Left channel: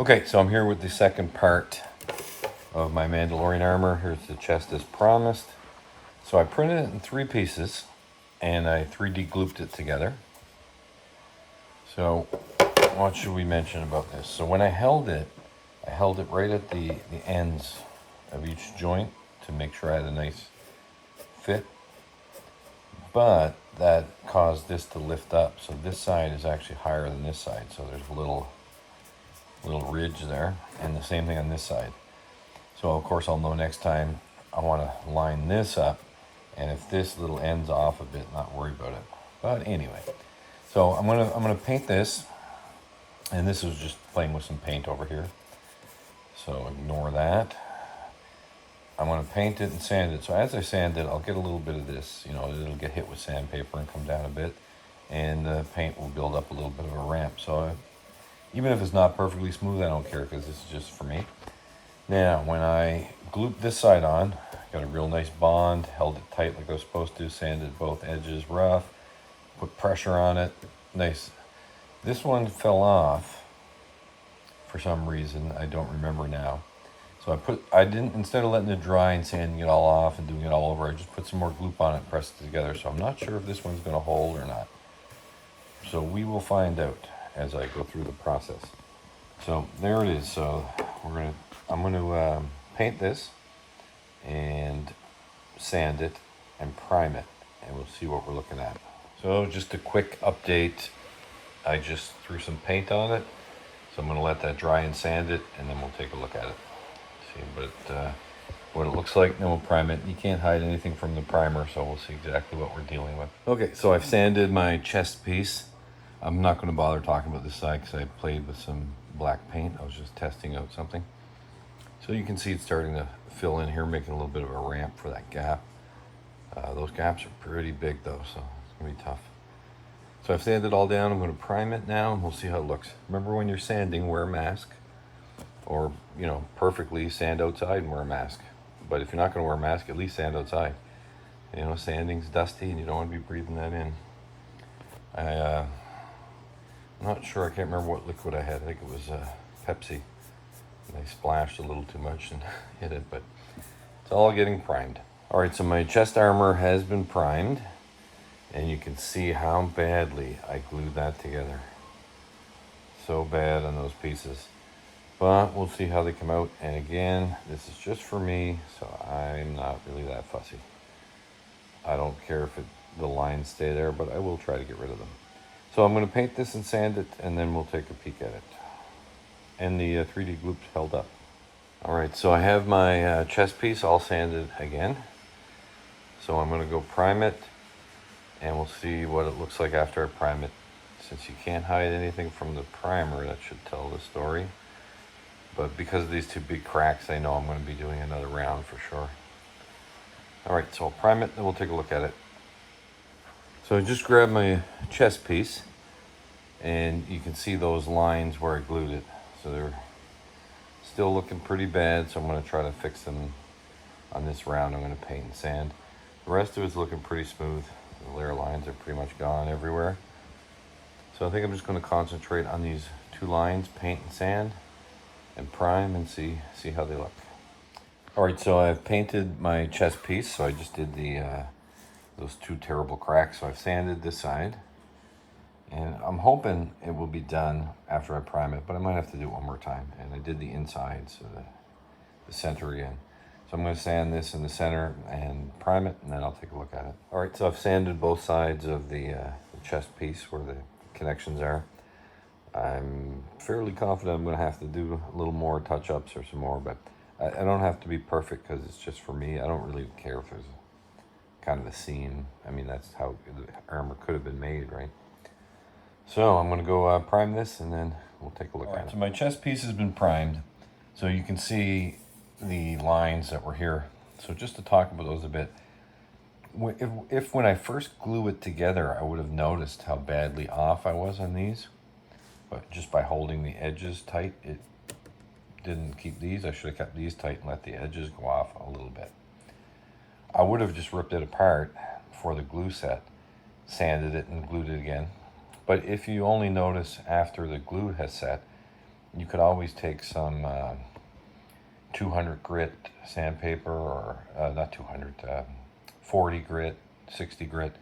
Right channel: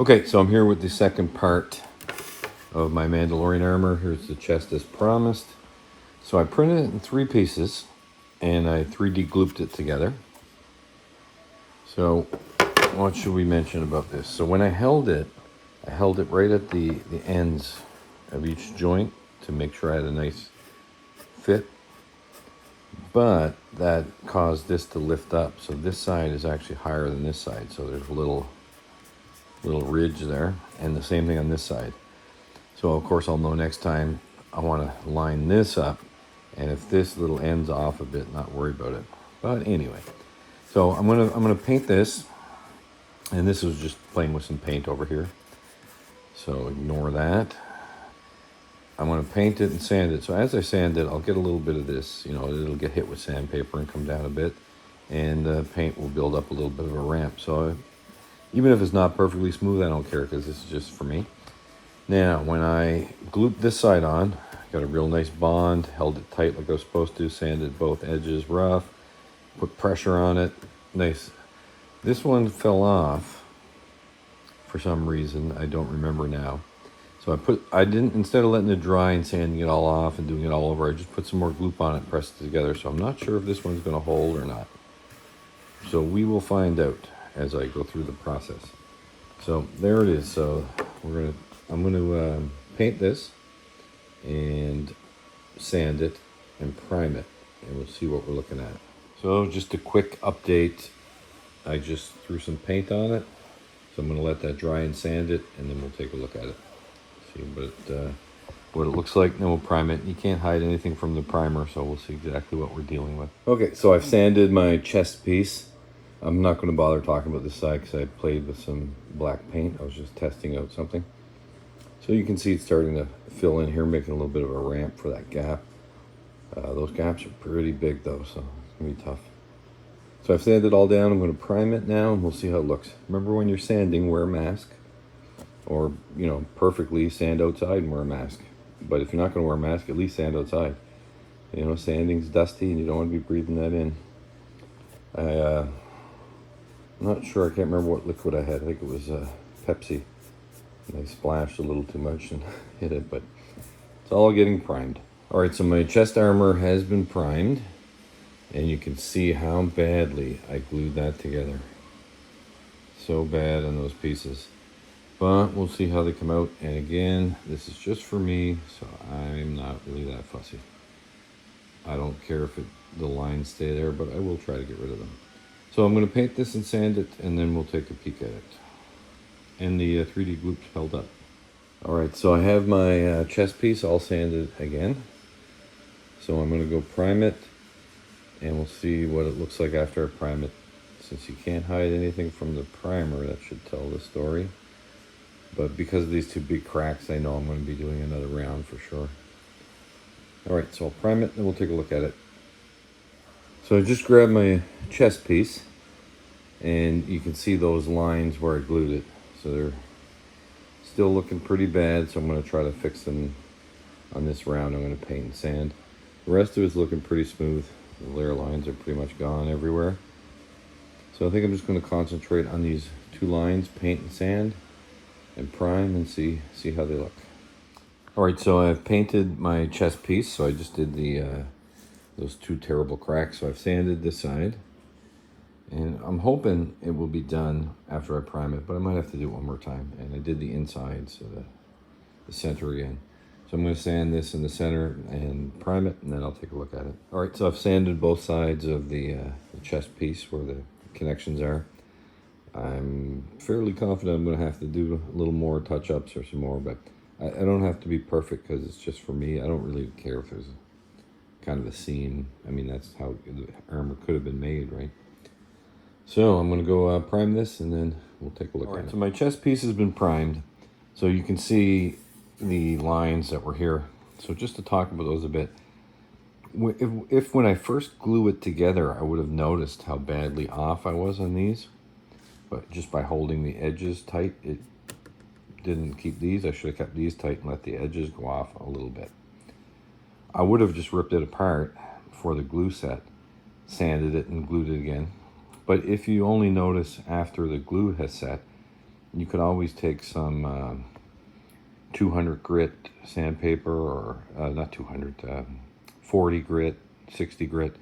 Okay, so I'm here with the second part of my Mandalorian armor. Here's the chest as promised. So I printed it in 3 pieces and I 3D glooped it together. So what should we mention about this? So when I held it right at the ends of each joint to make sure I had a nice fit. But that caused this to lift up. So this side is actually higher than this side. So there's a little ridge there, and the same thing on this side. So of course I'll know next time I want to line this up, and if this little ends off a bit, not worry about it. But anyway, so I'm gonna paint this, and this was just playing with some paint over here, so ignore that. I'm gonna paint it and sand it. So as I sand it, I'll get a little bit of this, you know, it'll get hit with sandpaper and come down a bit, and the paint will build up a little bit of a ramp. So even if it's not perfectly smooth, I don't care, because this is just for me. Now, when I glued this side on, got a real nice bond, held it tight like I was supposed to, sanded both edges rough, put pressure on it, nice. This one fell off for some reason, I don't remember now. So I didn't, instead of letting it dry and sanding it all off and doing it all over, I just put some more gloop on it and pressed it together. So I'm not sure if this one's gonna hold or not. So we will find out as I go through the process. So there it is. So I'm gonna paint this and sand it and prime it, and we'll see what we're looking at. So just a quick update. I just threw some paint on it, so I'm gonna let that dry and sand it, and then we'll take a look at it. See what it looks like, and then we'll prime it. You can't hide anything from the primer, so we'll see exactly what we're dealing with. Okay, so I've sanded my chest piece. I'm not going to bother talking about this side because I played with some black paint. I was just testing out something. So you can see it's starting to fill in here, making a little bit of a ramp for that gap. Those gaps are pretty big though, so it's going to be tough. So I've sanded it all down. I'm going to prime it now, and we'll see how it looks. Remember, when you're sanding, wear a mask. Or, you know, perfectly sand outside and wear a mask. But if you're not going to wear a mask, at least sand outside. You know, sanding's dusty and you don't want to be breathing that in. I'm not sure, I can't remember what liquid I had. I think it was Pepsi. And I splashed a little too much and hit it, but it's all getting primed. All right, so my chest armor has been primed, and you can see how badly I glued that together. So bad on those pieces. But we'll see how they come out. And again, this is just for me, so I'm not really that fussy. I don't care if the lines stay there, but I will try to get rid of them. So I'm going to paint this and sand it, and then we'll take a peek at it. And the 3D gloop's held up. All right, so I have my chest piece all sanded again. So I'm going to go prime it, and we'll see what it looks like after I prime it. Since you can't hide anything from the primer, that should tell the story. But because of these 2 big cracks, I know I'm going to be doing another round for sure. All right, so I'll prime it, and we'll take a look at it. So I just grabbed my chest piece, and you can see those lines where I glued it. So they're still looking pretty bad, so I'm going to try to fix them on this round. I'm going to paint and sand. The rest of it's looking pretty smooth. The layer lines are pretty much gone everywhere. So I think I'm just going to concentrate on these 2 lines, paint and sand, and prime, and see how they look. All right, so I've painted my chest piece. So I just did those 2 terrible cracks. So I've sanded this side, and I'm hoping it will be done after I prime it, but I might have to do it one more time. And I did the inside, so the center again. So I'm going to sand this in the center and prime it, and then I'll take a look at it. All right, so I've sanded both sides of the chest piece where the connections are. I'm fairly confident I'm going to have to do a little more touch-ups or some more, but I don't have to be perfect because it's just for me. I don't really care if there's kind of a seam. I mean, that's how the armor could have been made, right? So I'm going to go prime this, and then we'll take a look at it. So my chest piece has been primed, so you can see the lines that were here. So just to talk about those a bit, if when I first glue it together, I would have noticed how badly off I was on these. But just by holding the edges tight, it didn't keep these. I should have kept these tight and let the edges go off a little bit. I would have just ripped it apart for the glue set, sanded it and glued it again. But if you only notice after the glue has set, You could always take some 200 grit sandpaper, or not 200, 40 grit, 60 grit,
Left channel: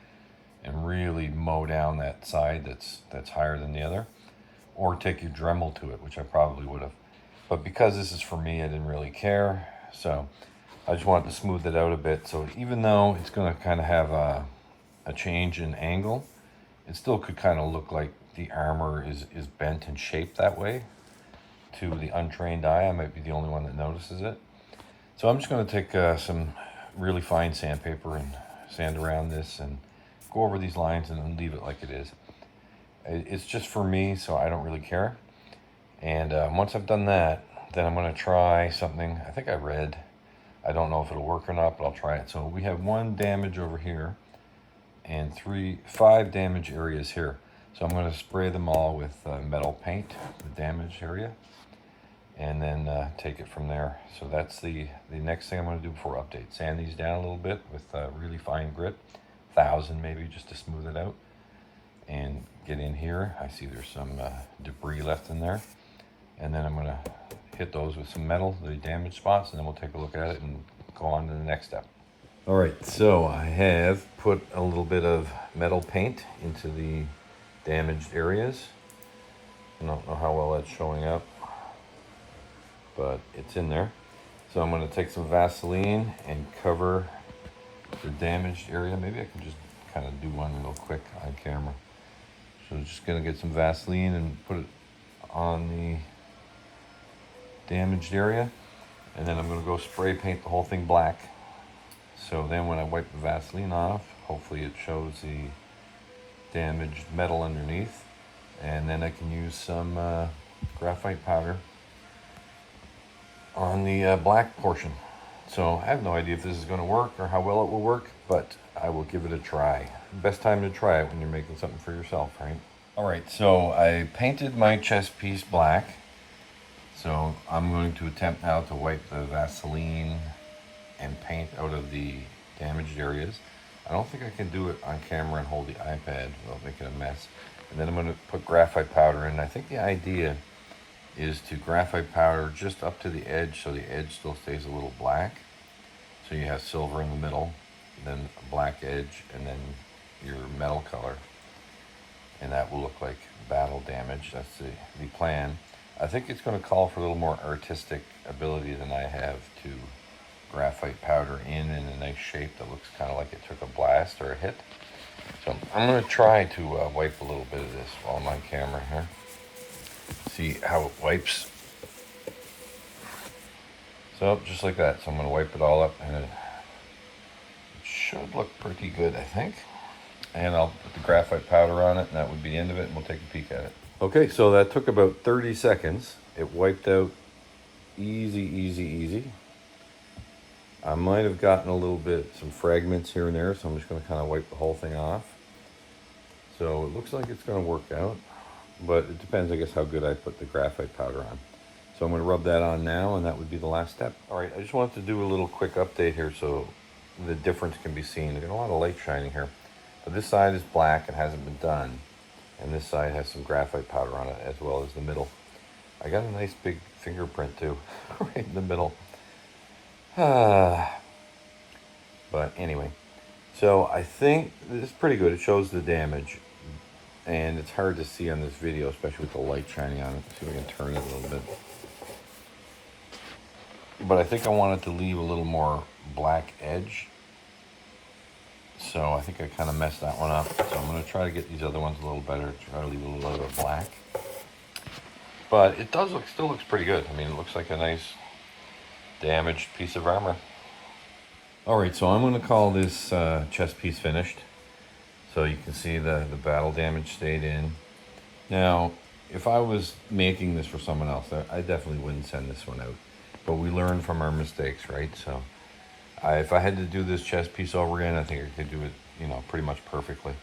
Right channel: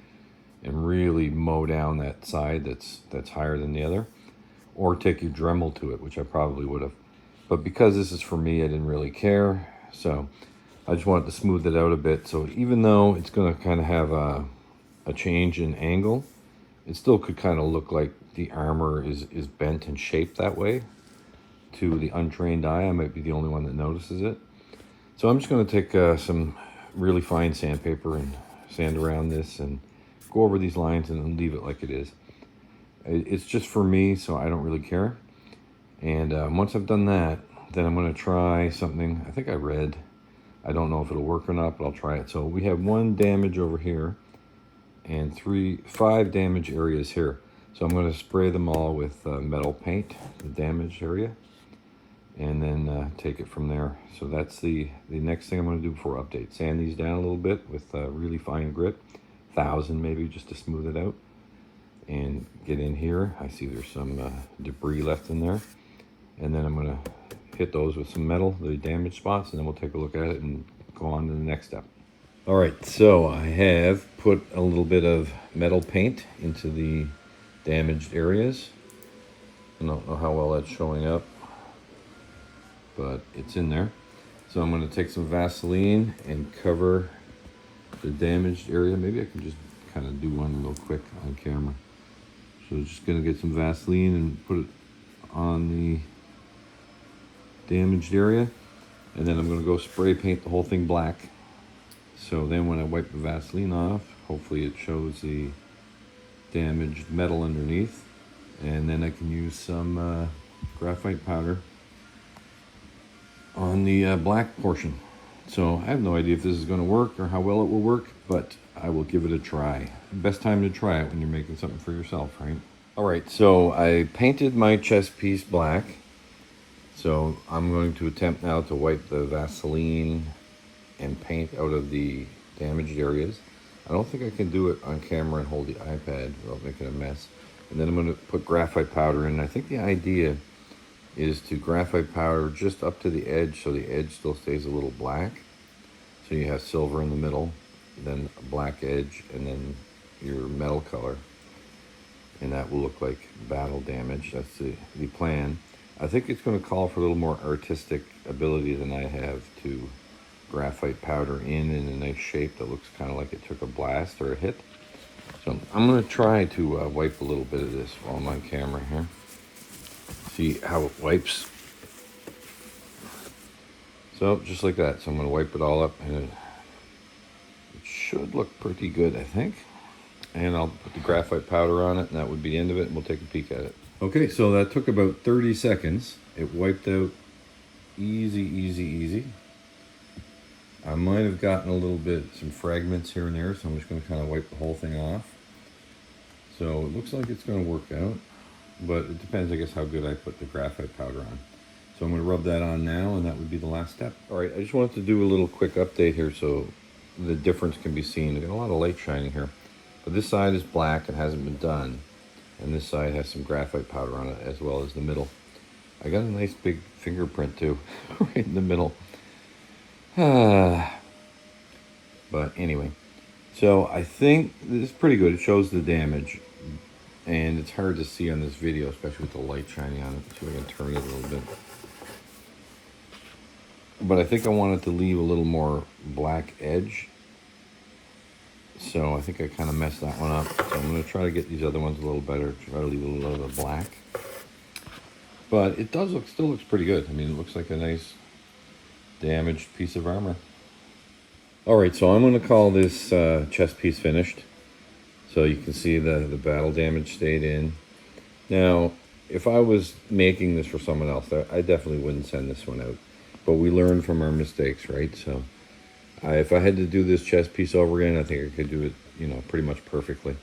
and really mow down that side that's higher than the other, or take your Dremel to it, which I probably would have. But because this is for me, I didn't really care, so I just wanted to smooth it out a bit. So even though it's going to kind of have a change in angle, it still could kind of look like the armor is bent and shaped that way. To the untrained eye, I might be the only one that notices it. So I'm just going to take some really fine sandpaper and sand around this and go over these lines and leave it like it is. It's just for me, so I don't really care. And once I've done that, then I'm going to try something. I think I read, I don't know if it'll work or not, but I'll try it. So we have 1 damage over here and 5 damage areas here. So I'm going to spray them all with metal paint, the damaged area, and then take it from there. So that's the next thing I'm going to do before update. Sand these down a little bit with really fine grit, 1000 maybe, just to smooth it out. And get in here. I see there's some debris left in there. And then I'm going to hit those with some metal, the damaged spots, and then we'll take a look at it and go on to the next step. All right, so I have put a little bit of metal paint into the damaged areas. I don't know how well that's showing up, but it's in there. So I'm going to take some Vaseline and cover the damaged area. Maybe I can just kind of do one real quick on camera. So just going to get some Vaseline and put it on the damaged area, and then I'm going to go spray paint the whole thing black. So then when I wipe the Vaseline off, hopefully it shows the damaged metal underneath, and then I can use some graphite powder on the black portion. So I have no idea if this is going to work or how well it will work, but I will give it a try. Best time to try it when you're making something for yourself, right? All right, so I painted my chest piece black. So I'm going to attempt now to wipe the Vaseline and paint out of the damaged areas. I don't think I can do it on camera and hold the iPad without making a mess. And then I'm going to put graphite powder in. I think the idea is to graphite powder just up to the edge, so the edge still stays a little black. So you have silver in the middle, then a black edge, and then your metal color. And that will look like battle damage. That's the plan. I think it's going to call for a little more artistic ability than I have to graphite powder in a nice shape that looks kind of like it took a blast or a hit. So I'm going to try to wipe a little bit of this while I'm on camera here. See how it wipes. So just like that. So I'm going to wipe it all up, and it should look pretty good, I think. And I'll put the graphite powder on it, and that would be the end of it, and we'll take a peek at it. Okay, so that took about 30 seconds. It wiped out easy, easy, easy. I might have gotten a little bit, some fragments here and there, so I'm just going to kind of wipe the whole thing off. So it looks like it's going to work out, but it depends, I guess, how good I put the graphite powder on. So I'm going to rub that on now, and that would be the last step. All right, I just wanted to do a little quick update here so the difference can be seen. There's a lot of light shining here. But this side is black and hasn't been done. And this side has some graphite powder on it, as well as the middle. I got a nice big fingerprint too, right in the middle. But anyway, so I think this is pretty good. It shows the damage, and it's hard to see on this video, especially with the light shining on it. See if I can turn it a little bit. But I think I wanted to leave a little more black edge. So I think I kind of messed that one up. So I'm going to try to get these other ones a little better, try to leave a little bit of black. But it does look, still looks pretty good. I mean, it looks like a nice damaged piece of armor. All right, so I'm going to call this chest piece finished. So you can see the battle damage stayed in. Now, if I was making this for someone else, I definitely wouldn't send this one out. But we learn from our mistakes, right? So if I had to do this chest piece over again, I think I could do it, you know, pretty much perfectly.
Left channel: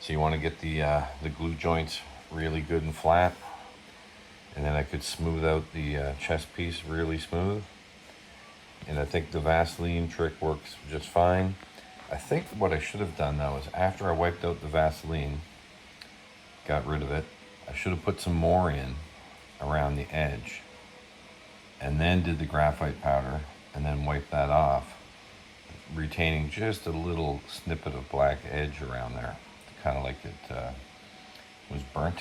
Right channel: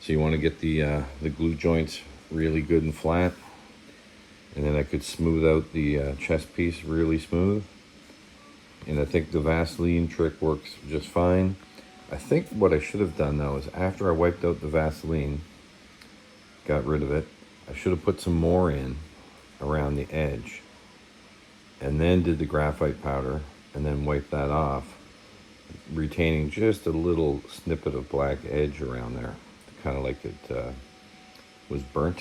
So you want to get the glue joints really good and flat, and then I could smooth out the chest piece really smooth. And I think the Vaseline trick works just fine. I think what I should have done though is after I wiped out the Vaseline, got rid of it, I should have put some more in around the edge, and then did the graphite powder, and then wiped that off, retaining just a little snippet of black edge around there, kind of like it was burnt.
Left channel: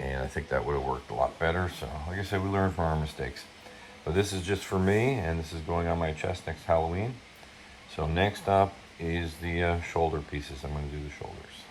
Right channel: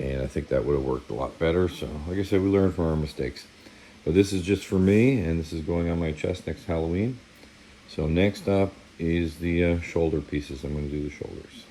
And I think that would have worked a lot better. So like I said, we learn from our mistakes. But this is just for me, and this is going on my chest next Halloween. So next up is the shoulder pieces. I'm going to do the shoulders.